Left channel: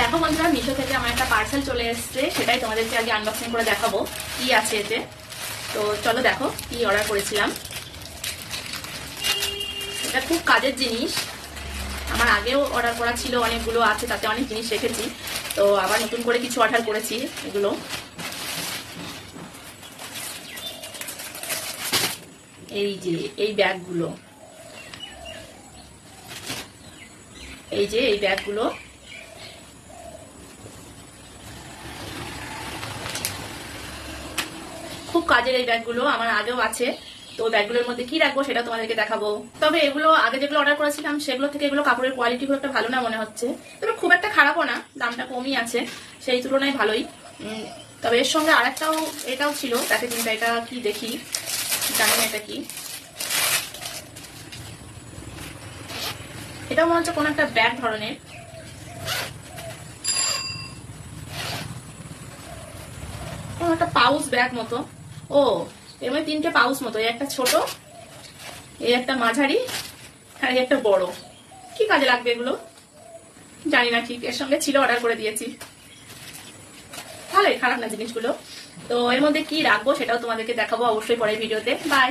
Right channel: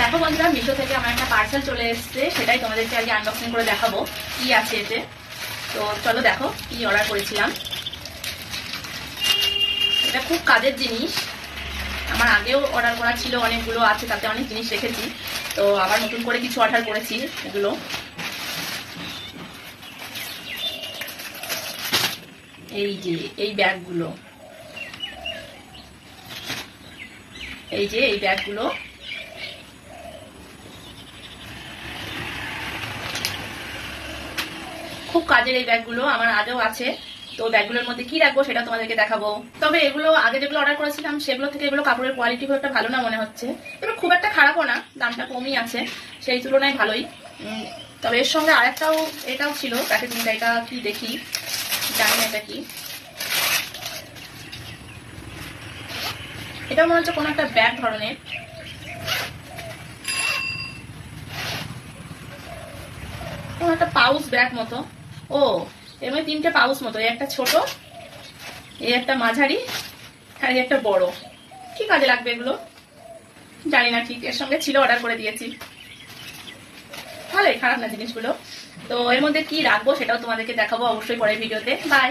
দেখো বন্ধুরা, মিশো থেকে আমার একটা পার্সেল চলে এসেছে, সেটাই তোমাদেরকে আগে আনবক্সিং করে দেখাবো কি আছে এতে। তো চলো দেখো কি অর্ডার করেছিলাম। এটা খুব কাজের জিনিস, আমার আগেও অর্ডার করা ছিল, অনেকগুলো আছে, তাতে অনেক জিনিস রেখেছি। তো আবার নতুন করে কিছু অর্ডার করেছি। এগুলো এই যে এই ব্যাগগুলো, এই যে এই ব্যাগগুলো খুব কাজের। এই ব্যাগগুলো আমার আগেও আছে, তো ব্যাগগুলোর মধ্যে কি রাখবো সেটা তোমাদেরকে দেখাবো। তবে এগুলো আগে যেগুলো অর্ডার করেছিলাম সেগুলো থেকে এগুলো কাপড়ের কোয়ালিটি খুব একটা ভালো না মনে হচ্ছে, তবে খুব একটা খারাপও না, দামটা কমই আছে সেই তুলনায় ভালোই। তবে এর সঙ্গে আরেকটাও এটাও ছিল প্যাকেজিংটা, এটা কি দেখি, জানি না এটা কি। এটা মনে হচ্ছে কোনো একটা ব্যাগ ধরনের, কোনো একটা পাউচ ব্যাগ মতো। ও এর মধ্যে 3টে পাউচ মতো, এই একটা ছোট, এই একটা মাঝারি, আর এই একটা বড়। কি কাজে লাগবে এগুলো জানি না, ঠিক এর সঙ্গে ছিল, অর্ডার করে দিয়েছি। ভালোই, খারাপ না জিনিসগুলো। তো এর মধ্যে কি রাখবো সেটাও তোমাদেরকে দেখাবো অবশ্যই পরের ভিডিওতে। বাই।